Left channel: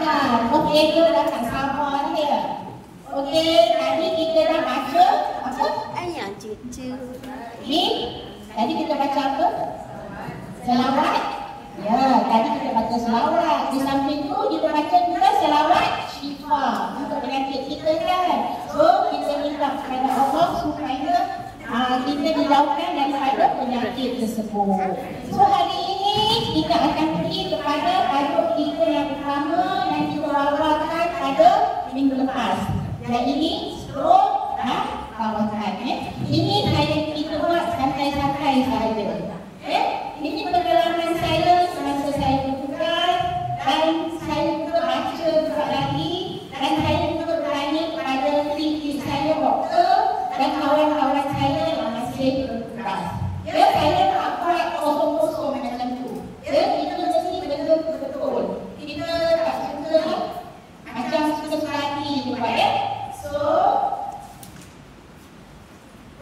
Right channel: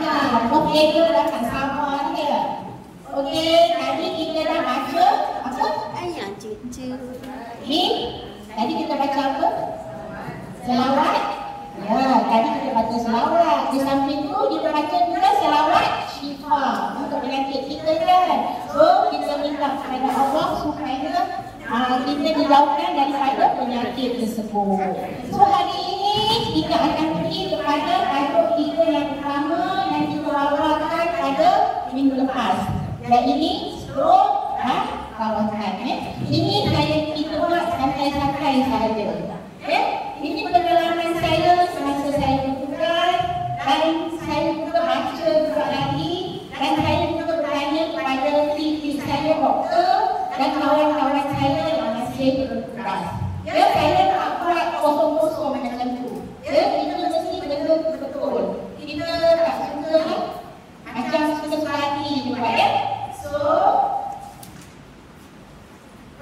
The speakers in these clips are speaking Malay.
Okey, dia dah sabar dia. Okey, tadi kita dah baca apa? Ayah cucu. Tadi kita baca apa? Selawat. Ya, tadi kita baca selawat. Di samping tu kita baca juga selawat syifa untuk penyakit kita kan. So kita minta kepada Allah supaya kita dijauhkan daripada penyakit tersebut. So hari ini kita akan pergi kepada tajuk kita yang pertama dan kita bawakan pada minggu lepas. Dan ini stroke kawasan. Ini saya kita buat santai-santai sahaja. Ini pengalaman saya semasa saya bertugas dan saya juga baca juga lagi dan saya juga bertanya kepada tim saya doktor dan kawan-kawan saya yang masih bertugas. Ya, saya tak buat kosong-kosong macam tu. Ya, itu mesti betul-betul. Kita tak suka macam sesekali juga ya. So,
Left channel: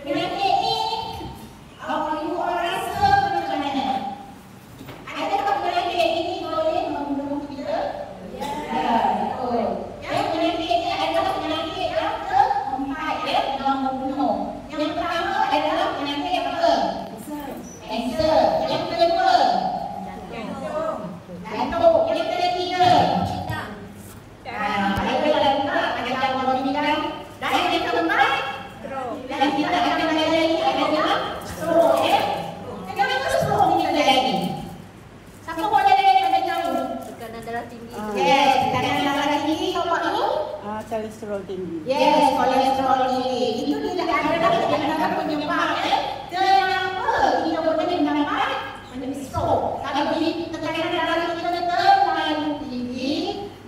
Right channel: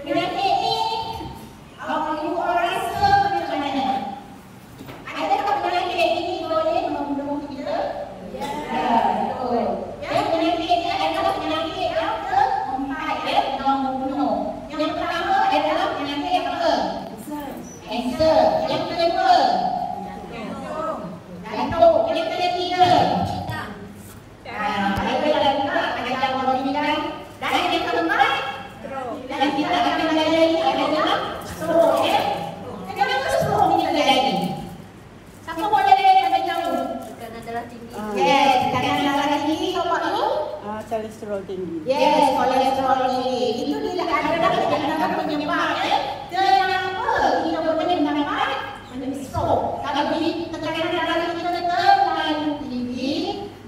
penyakit ni ibu orang rasa macam mana? Adakah penyakit ini boleh membunuh kita? Ya, betul. Yang penyakit ini adalah penyakit yang keempat ya, yang membunuh. Yang pertama adalah penyakit apa? Kanser. Yang kedua? Jantung. Yang ketiga? Ada gangguan ginjal. Dan yang keempat? Yang kita akan belajar ini adalah stroke ya. Kenapa stroke ni lagi? Satu boleh belajar dulu. Tekanan darah tinggi. Yes, tekanan darah tinggi apa tu? Kolesterol tinggi. Yes, kolesterol tinggi. Itu tidak ada penyebab ya. Kenapa kita boleh mendapat stroke? Kalau ini tekanan darah kita terlalu tinggi,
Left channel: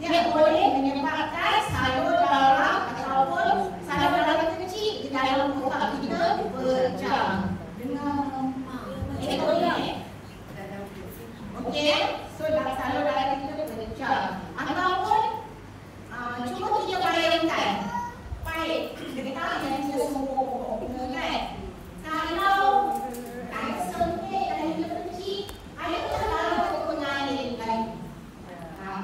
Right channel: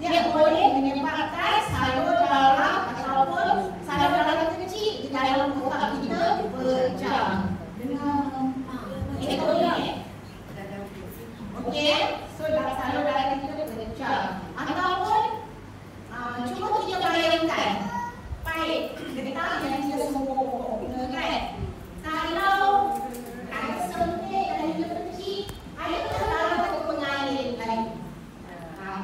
dia boleh menyebabkan salur darah ataupun salur darah kecil di dalam tubuh kita berjam. Okey, so dalam salur darah kita berjam. Ataupun cuba kita bayangkan paip getah yang kita sokong kan. Kalau kanser yang kecil, air darah kita mengalirkan.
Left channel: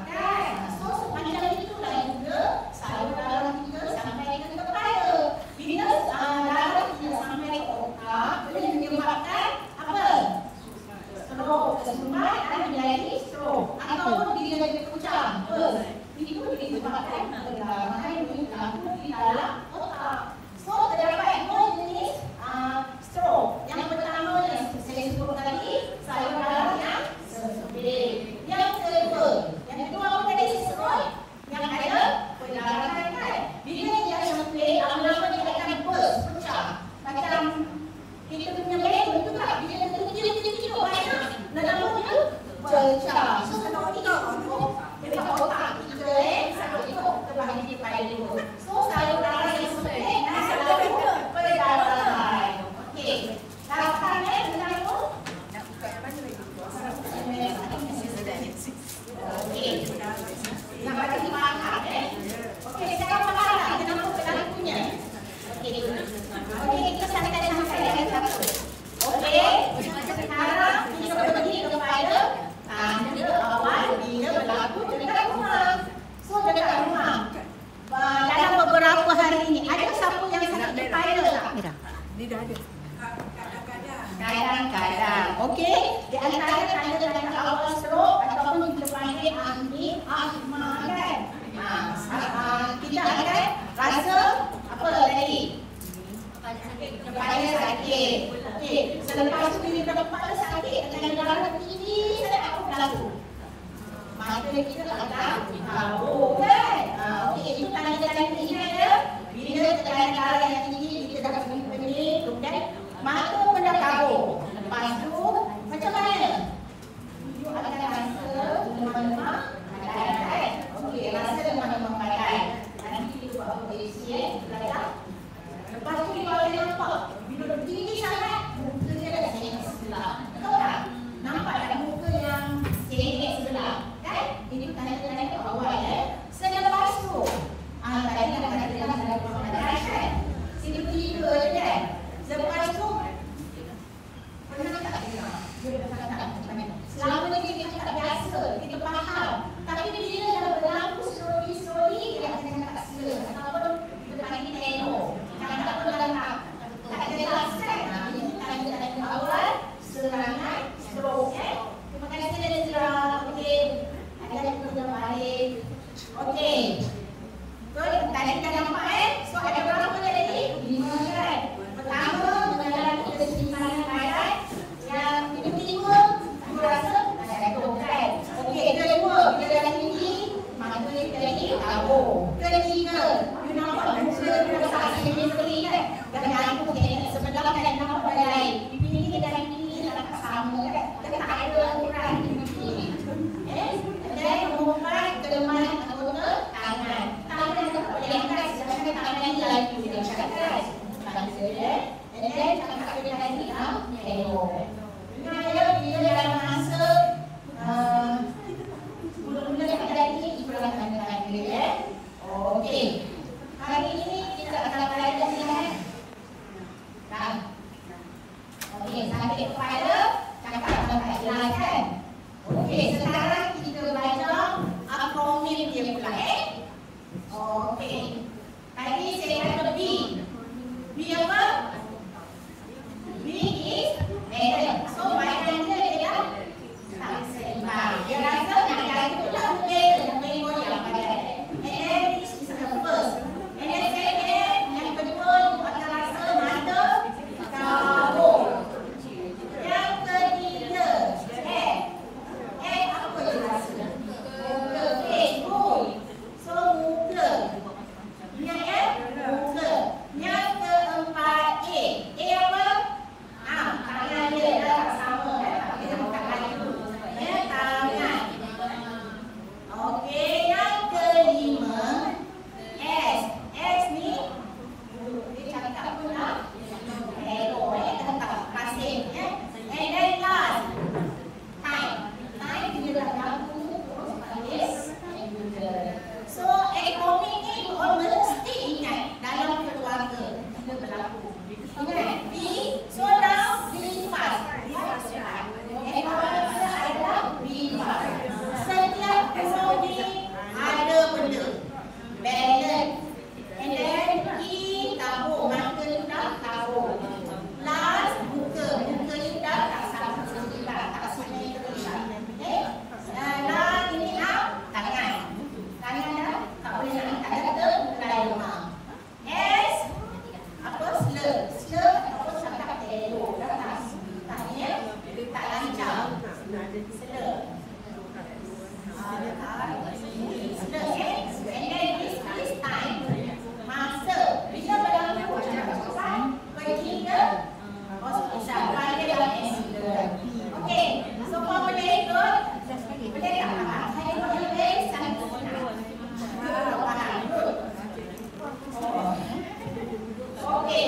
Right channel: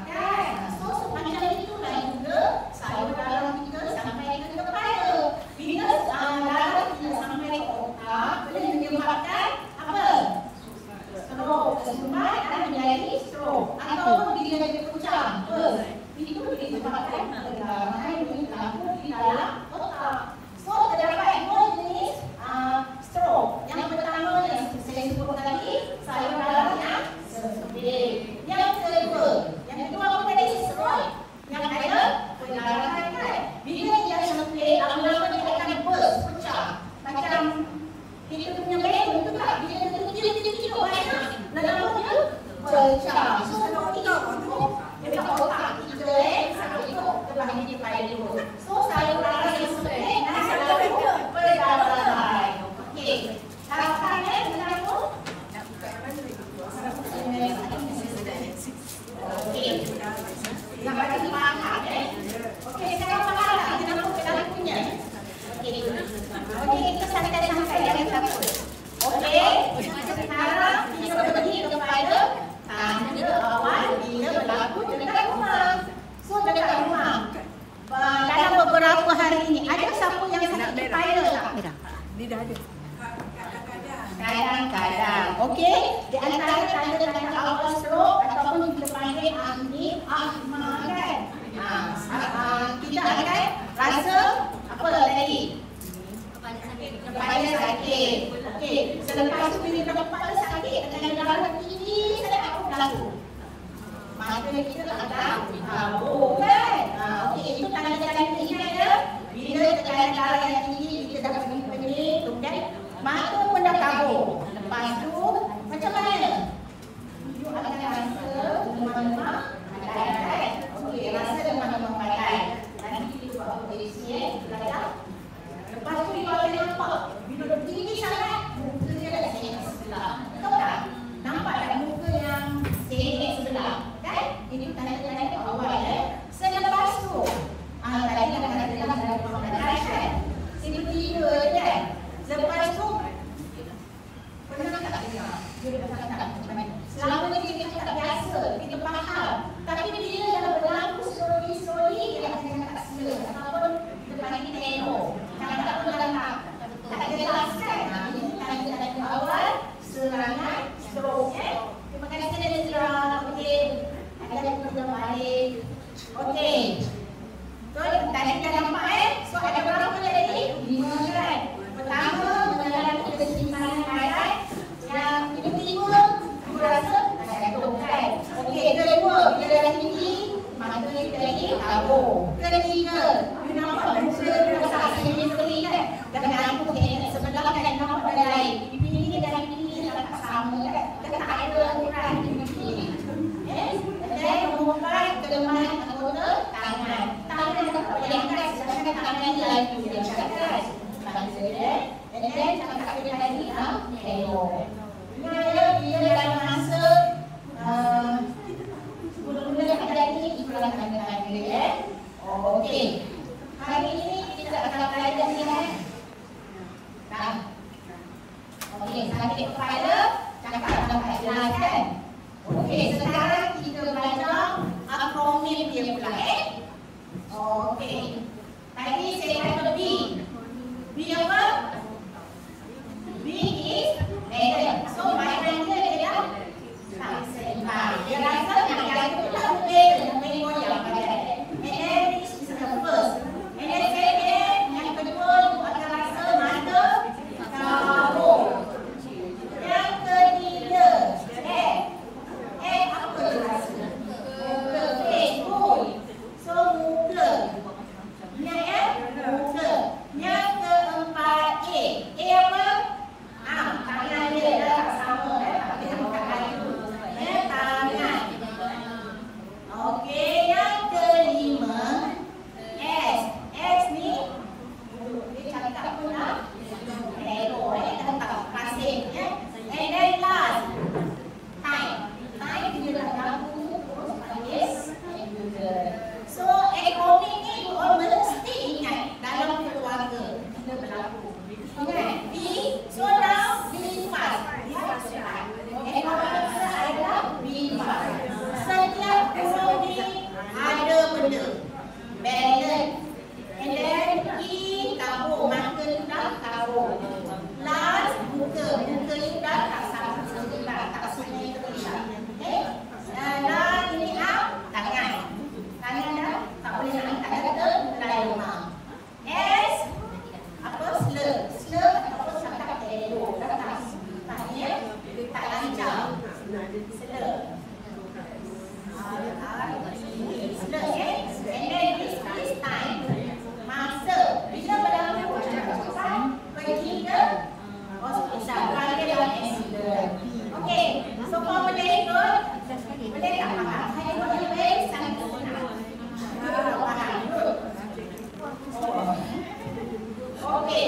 Kan, so macam itulah juga salur darah kita sampai ke kepala. Bila darah kita sampai ke otak, boleh menyebabkan apa? Stroke. Sehingga akan menjadi stroke. Ataupun bila dia pecah, itu disebabkan pendarahan yang berlaku di dalam otak. So terdapat dua jenis stroke. Yang pertama yang saya sebut tadi, salur darah yang sempit. Yang kedua apa tadi? Stroke yang ada pendarahan kan. Bila dia sempit, lama-lama dia akan pecah. Macam kita punya beg tu tak, bila kita kecil-kecil banyak, lama-lama dia pecah. So kalau kita dekat otak kita sampai ikut ke bahagian kepala dulu. So salur darah yang sempit adalah pendarahan. Okey. Kalau tangan kenapa? Okey. Nak bagi makan okey, sekarang makan kenapa pelakunya? Okey. Okey, kita santai-santai yang satu. Okey. Sekarang kita pergi kepada kita awal dia berlaku dekat rumah. So dekat rumah. Dalam beberapa hari ini ada siapa yang sakit kepala tak? Tidak ada. Kadang-kadang. Okey. Di antara tanda-tanda awal stroke ataupun kita panggil asma kan. Kita akan rasa apa lagi? Kepala sakit. Okey. Selepas itu kita kepala sakit, tekanan darah tinggi sangat berlaku. Mata kita akan kabur kan? Okey, itu tanda-tanda tinggi ya. Bila tekanan darah yang tinggi kita dah berpenyakit kan? Mata pun dah kabur. Lepas tu macam mana? Ada rasa lemah-lemah badan. Okey, rasa lemah-lemah badan. Nanti kita buat apa dia? Lepas tu dia boleh nampak tinggi sangat. Dia dah sikit sebelah. Betul tak? Nampak tak muka yang sikit sebelah? Kan? Ini tanda-tanda awal selepas tu tadi tanda-tanda dalam pemahaman kan? Sini tiga je kan? Lepas tu kenapa tak dia? Selama ni kita tak biasa, kita faham. Tapi bila dah berlaku teman anggota tangan. Tangan yang atas, sedangkan tangan yang di atas. And then tangan kaki ini elbow. Dia dalam masa bulan ini kita akan belajar. Okey. Hari ini kita akan belajar okey, sampai pada cakap kan. Okey, sekarang kita belajar akronim dia pula Okey. Tadi saya kata B. B apa? B is Adam. So bahagian dia seimbang. Dia rasa yang itu tak mungkin memori yang pada Adam is the first. And then second, yang kedua akan rasa mana kau. Yang ketiga, apa dia rasa? Muka. So muka. Ingat muka. Yang keempat, A apa? Tangan dia tak sama tangan. Okey, yang kelima S. S ni dia cakap pula arrow tetap pasing And then last time. Time dia dah berlaku habis. So akronim ni mesti ingat dalam keluarga berlaku. Ingat B. So now B fast. Akronim adalah B fast. Setiap akronim ada benda balance. And then E tabung. Maka sudah tabung. Last muka. Muka ni sudah tak sama. Tak sama terlihat. Dan ini tangan. Tangan dah tak boleh nak angkat kata mulai rumah. S apa slur. Slur apa cakap elbow. Dia letak lancar. Slur. Slur And then this time. Masa. Bila berlaku cakap pergi ke hospital. Berada dalam accident. Okey. So kau boleh ikut. Boleh tak faham? Saya boleh baik. Saya Okey.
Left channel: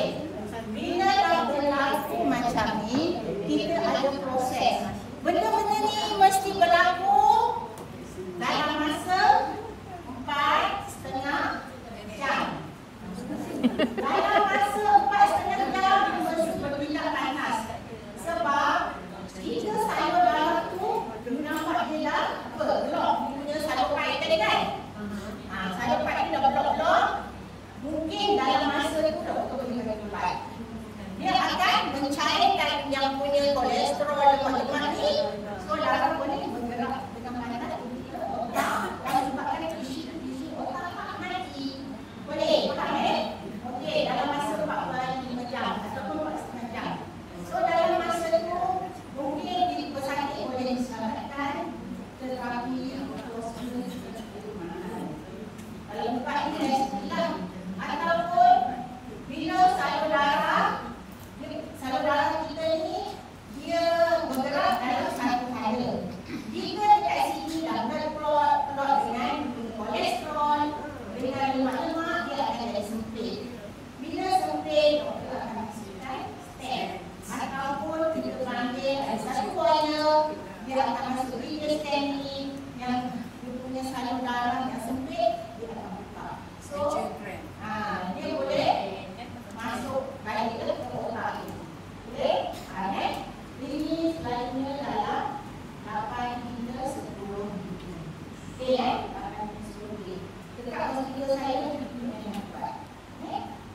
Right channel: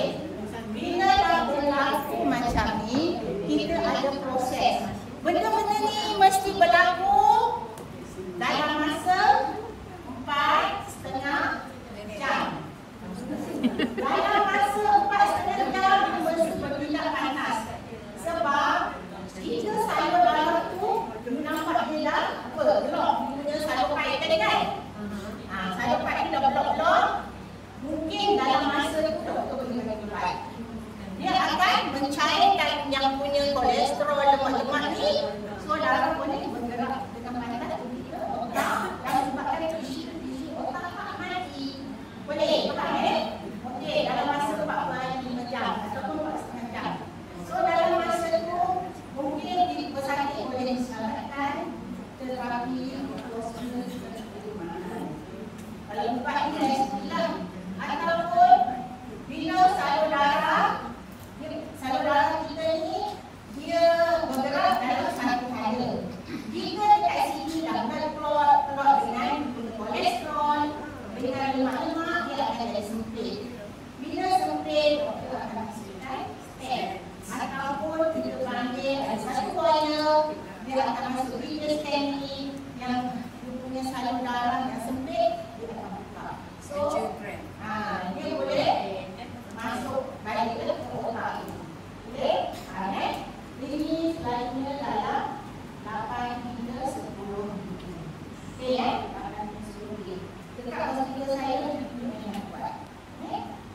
Bila dah berlaku macam ni, kita ada proses. Benda-benda ni mesti berlaku dalam masa 4,5 jam. Dalam masa 4,5 jam mesti berpindah panas. Sebab kita sayur dalam tu nampak dia dah gelap. Punya sayur paik tadi kan? Sayur paik dah blok-blok. Mungkin dalam masa itu tak betul-betul lagi baik. Dia akan mencairkan yang punya kolesterol lemak-lemak ni. So darah pun ni bergerak dengan panas kita otak dan sebabkan isi otak mati. Boleh tak Okey, dalam masa 45 jam ataupun 49 jam. So dalam masa itu mungkin di pesakit boleh diselamatkan, tetapi kalau 4 ni ataupun bila salur darah kita ni dia bergerak dalam satu hal. Jika dekat sini dah keluar dengan kolesterol, dengan lemak-lemak, dia akan jadi sempit. Bila sempit, doktor akan masukkan stent. Ataupun kita panggil satu wire, dia akan masuk bina stent ni yang punya salur darah yang sempit, dia akan buka. So, dia boleh masuk balik ke otak ini. Boleh? Ini selanjutnya dalam 8 hingga 10 minit. Okey 8 hingga 10 minit. Dekat hospital saya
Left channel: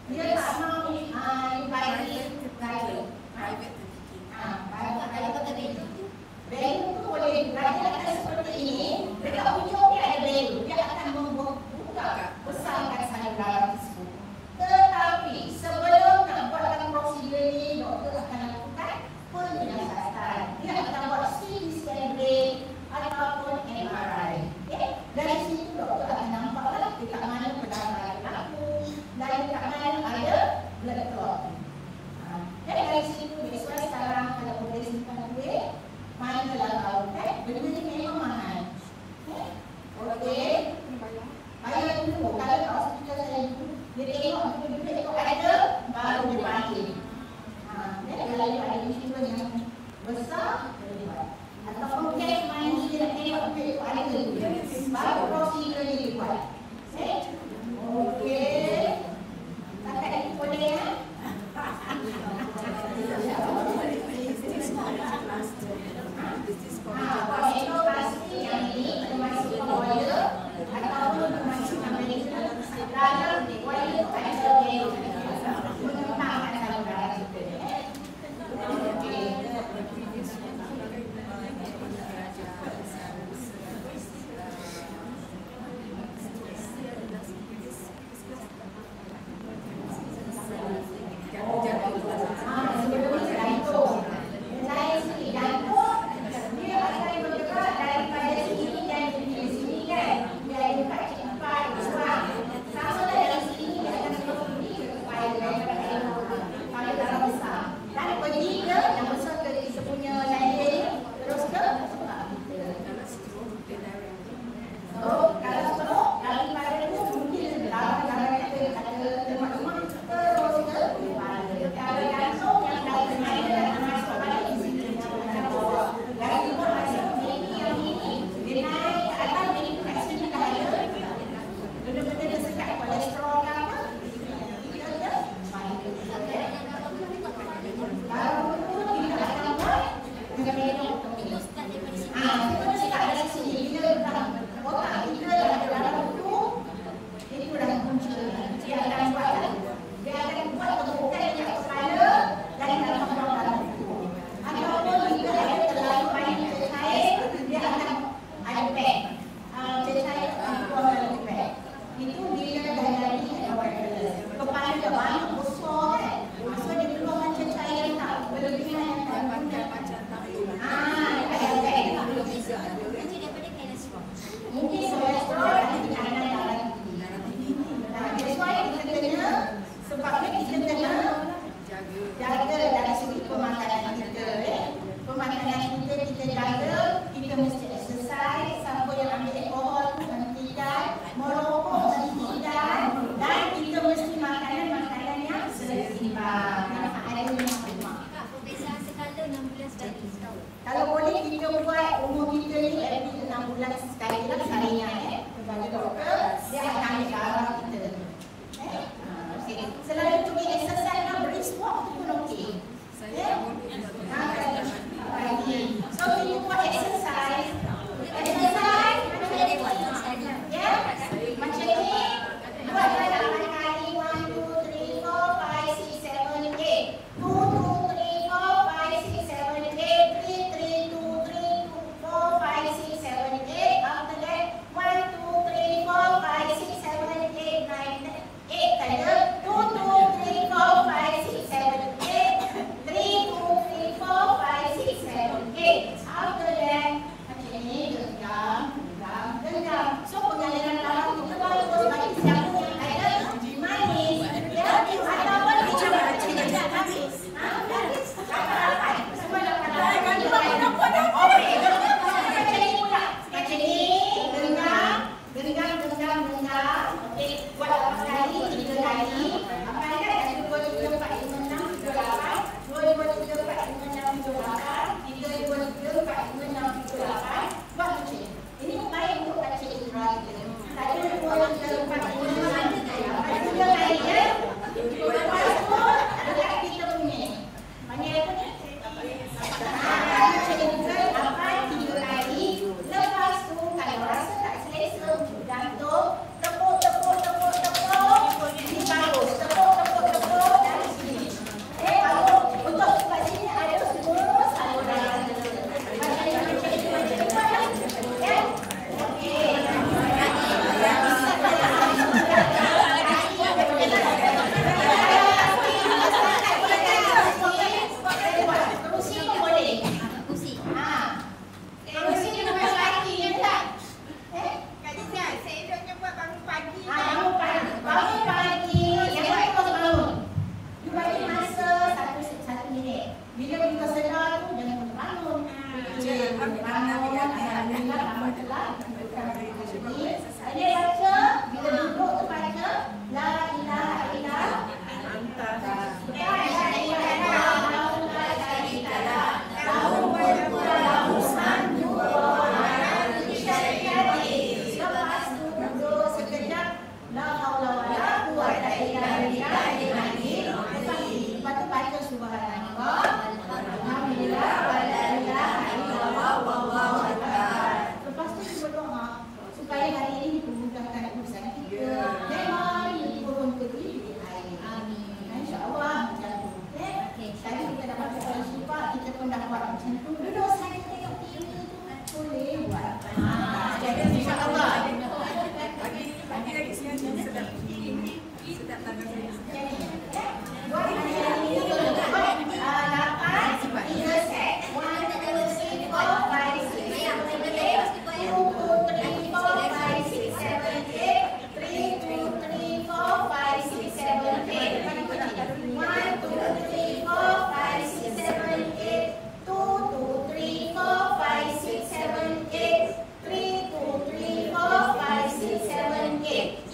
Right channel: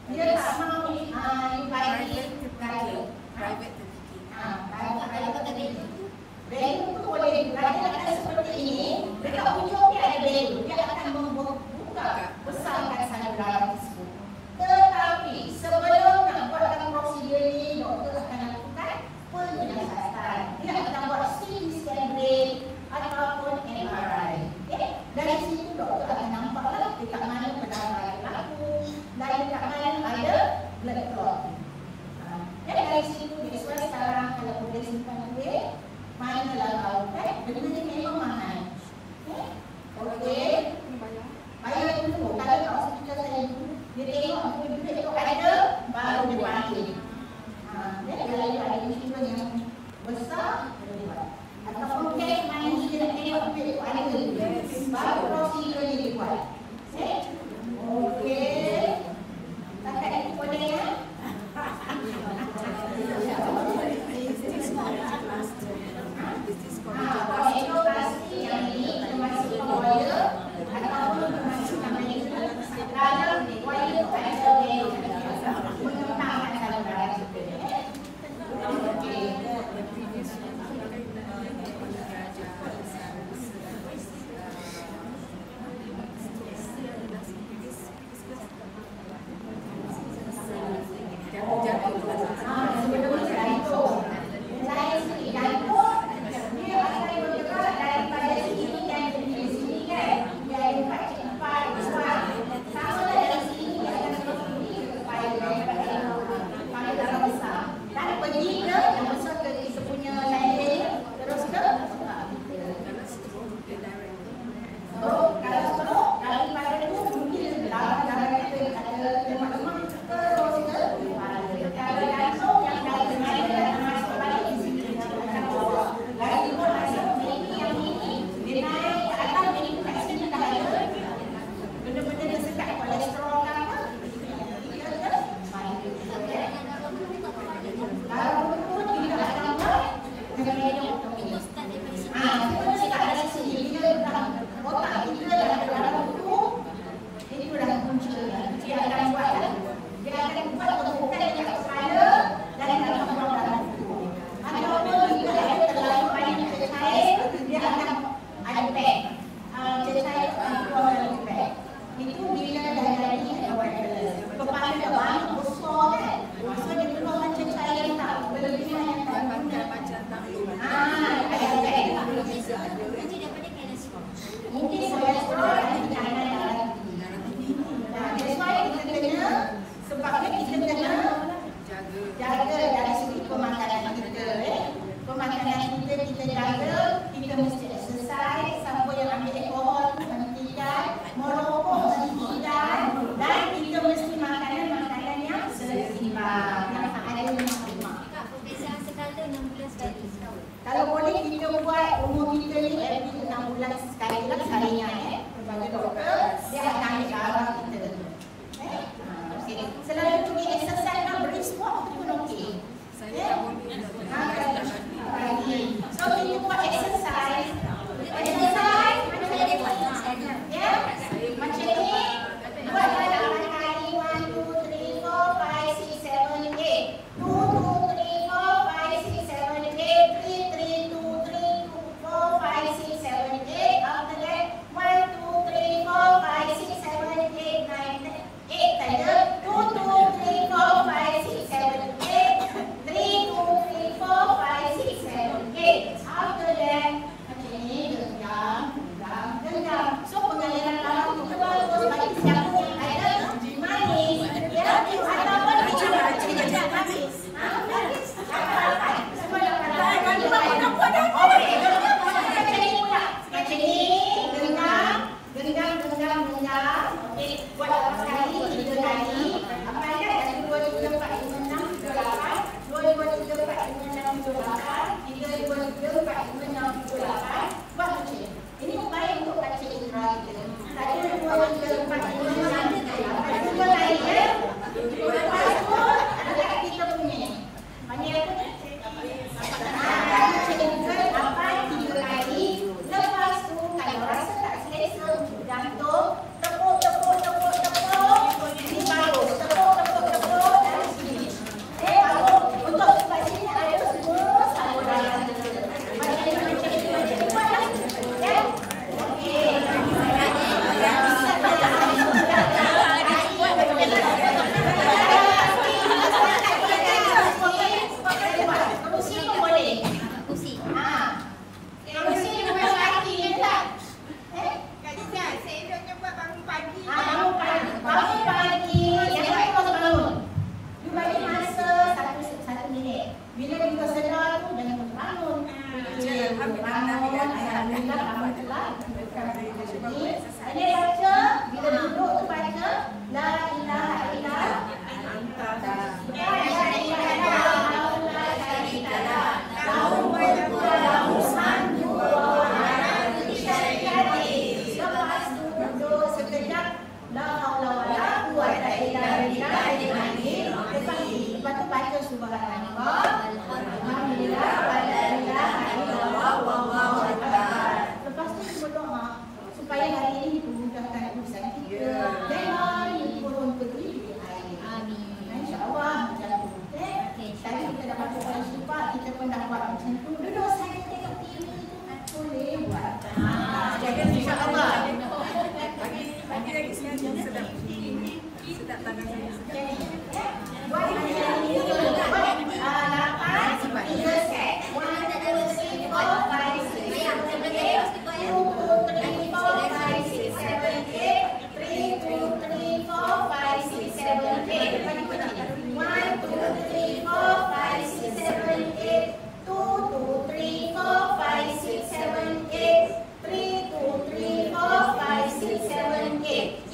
dia tak mahu bagi kerja. Private tadi. Value tu boleh berada seperti ini. Dekat ujung dia ada value. Dia akan membuka besarkan salur darah tersebut. Tetapi sebelum nak buatkan prosedur ini, doktor akan lakukan penjelasan. Dia akan buat CT scan ataupun MRI. Okay? Dari sini doktor akan nampak dekat mana pendarahan berlaku dan dekat mana ada blood clot. Dan dari situ biasa sekarang kalau boleh simpan duit, mana lah tahu kan? Benda ni Okey. Bayar dulu. Kalau tak hospital saya dia tengok dulu ada baru dia panggil. Kalau ada risiko yang besar ataupun dia main dia tengok ada baru prosedur yang dibuat. Okey. Takkan itu boleh ya?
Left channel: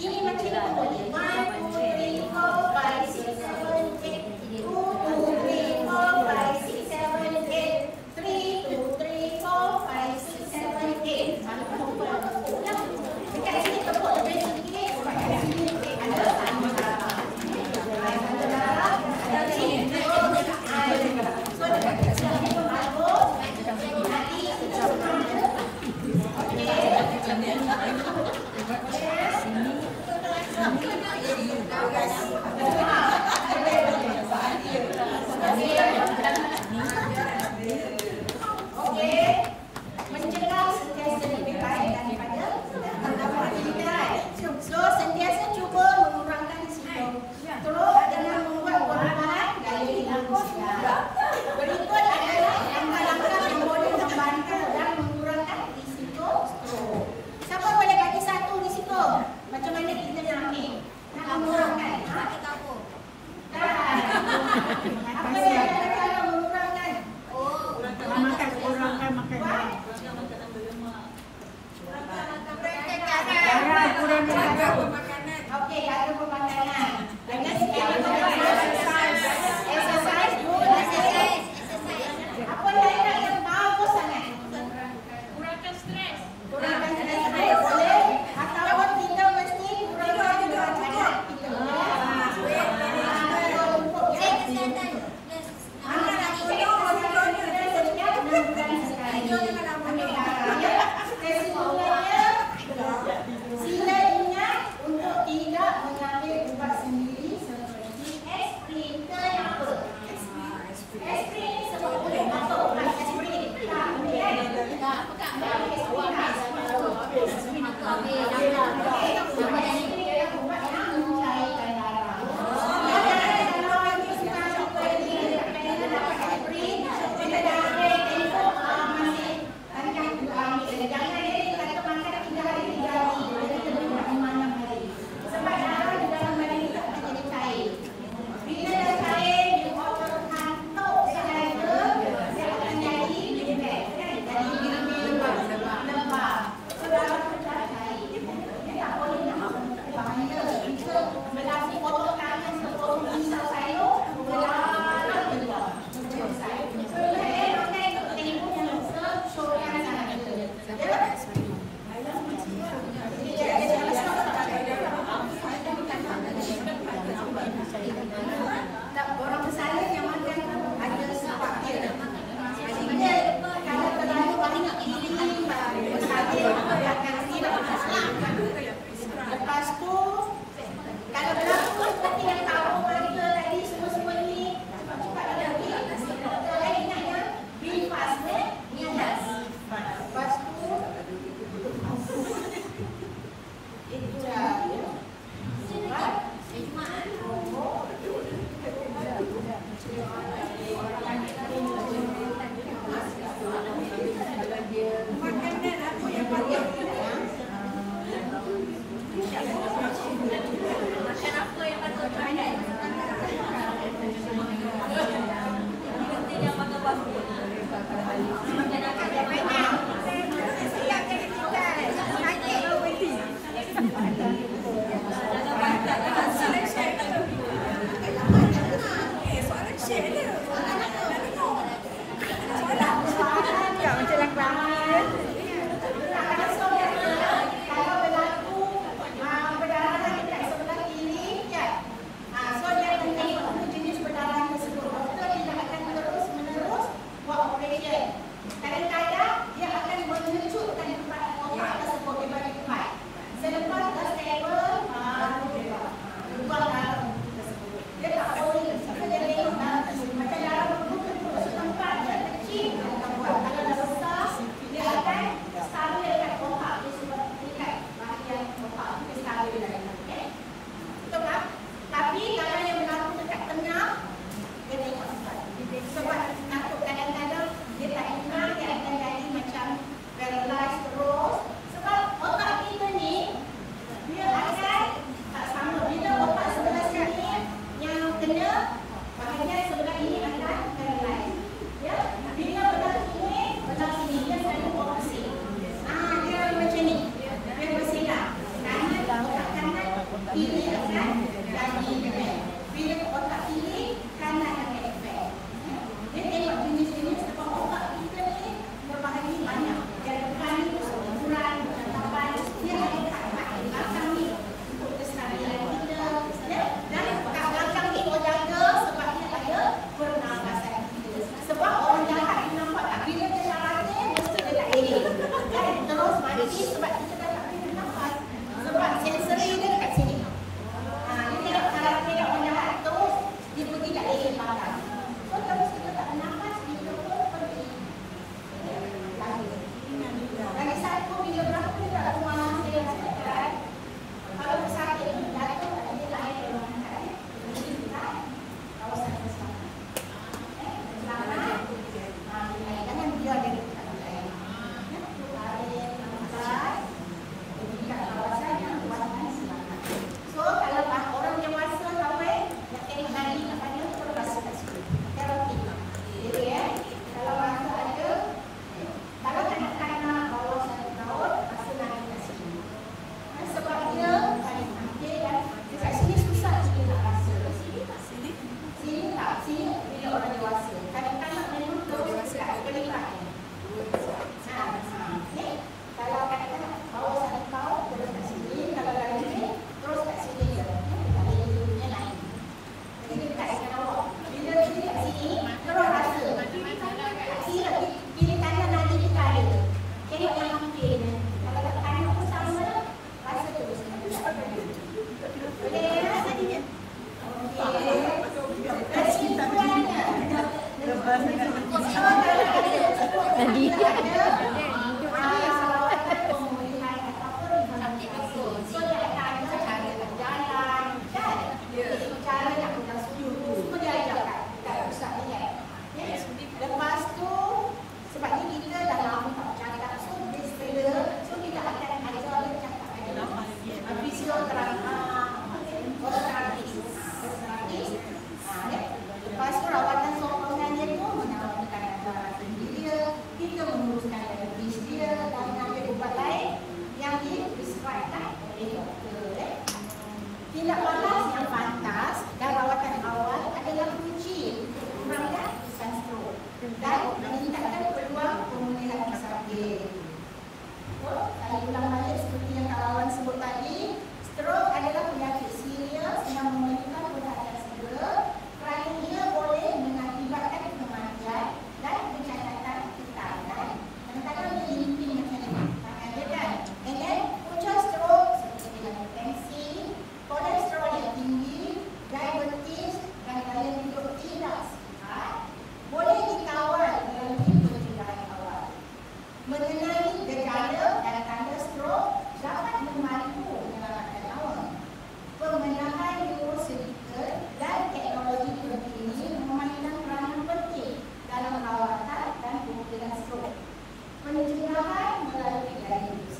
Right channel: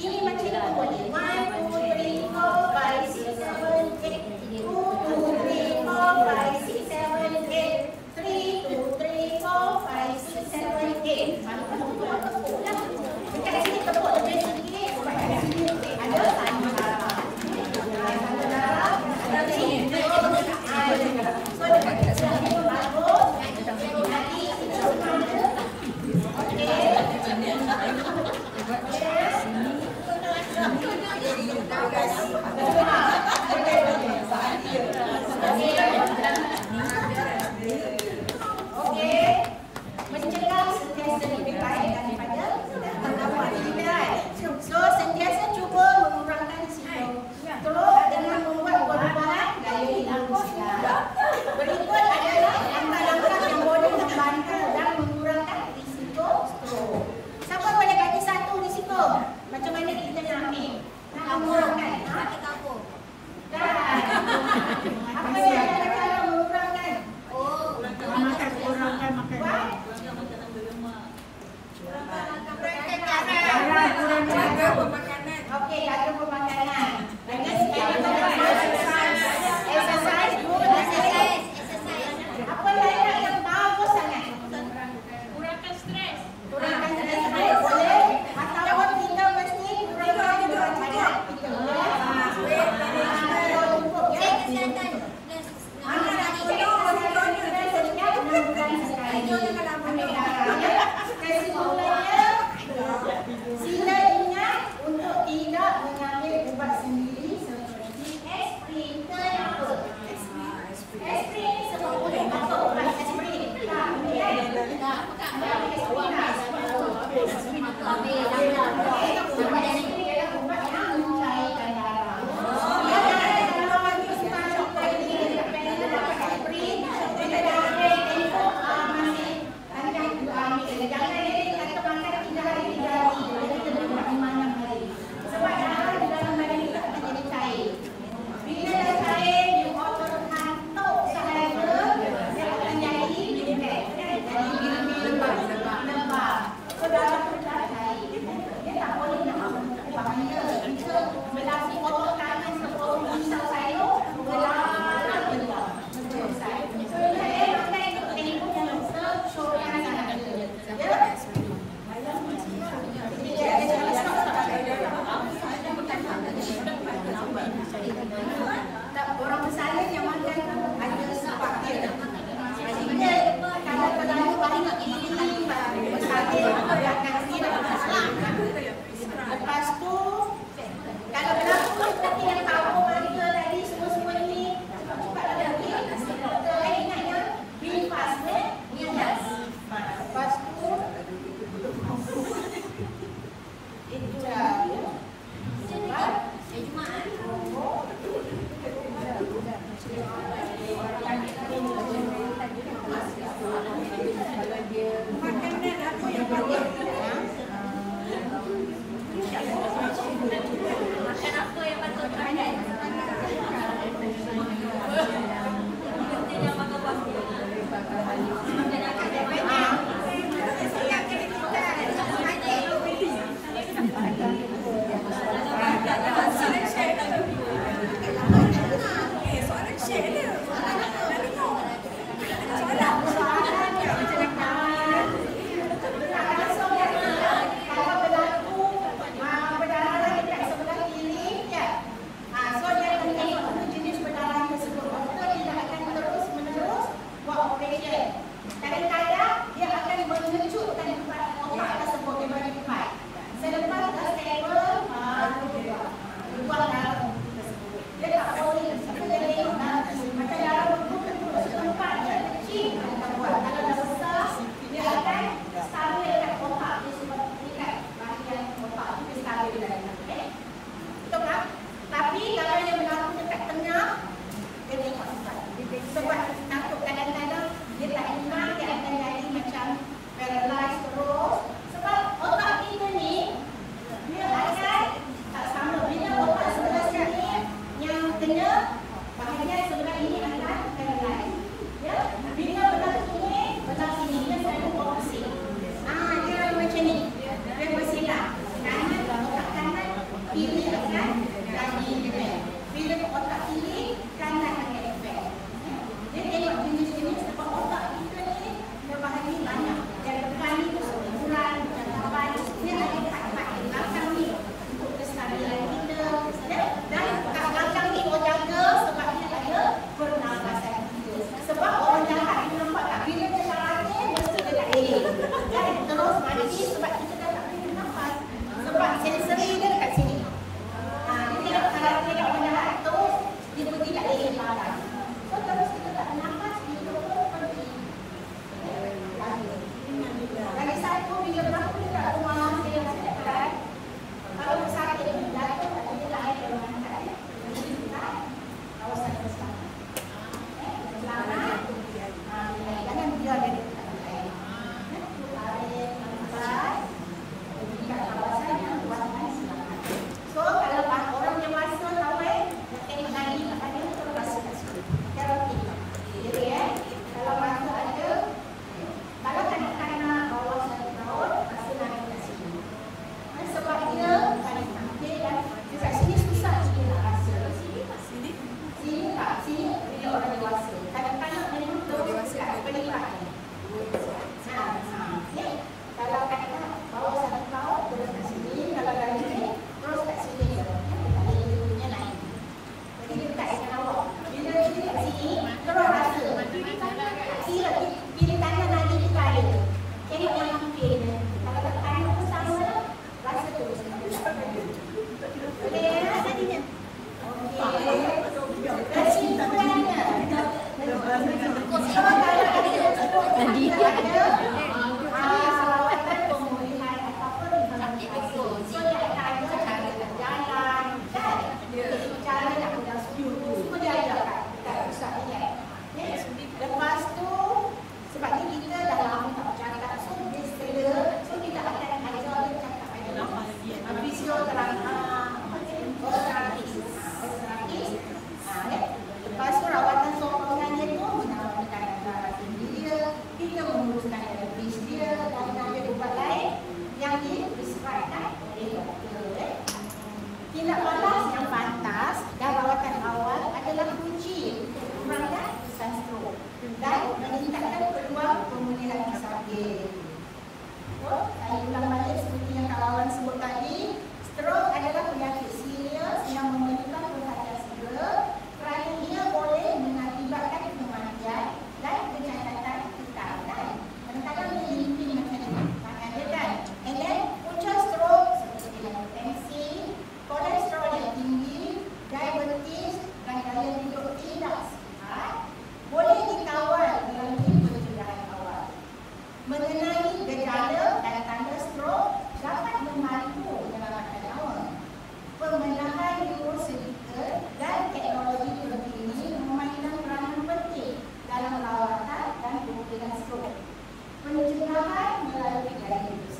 Ini macam ni. 1, 2, 3, 4, 5, 6, 7, 8. Tidak panas yang pantas dan rawatan awal adalah kunci pengurangkan stroke dan meningkatkan peluang pemulihan sakit. Saya ulang balik seperti yang kawan sebut tadi, stroke adalah penyakit serius yang memerlukan perhatian segera kerana ia boleh mengakibatkan kematian dan penyakit hitam dan kadang-kadang ia limpi macam bedan. And then punca stroke seperti hipertensi, kolesterol yang tinggi, diabetes dan gaya hidup tidak sihat boleh dikawal melalui pencegahan awal. Mengenali gejala dan tanda stroke dapat membantu menyelamatkan nyawa. Pembenahan neurosurgical dan teknologi terkini memainkan peranan penting dalam rawatan dan pemulihan stroke. Pencegahan melalui diagnosis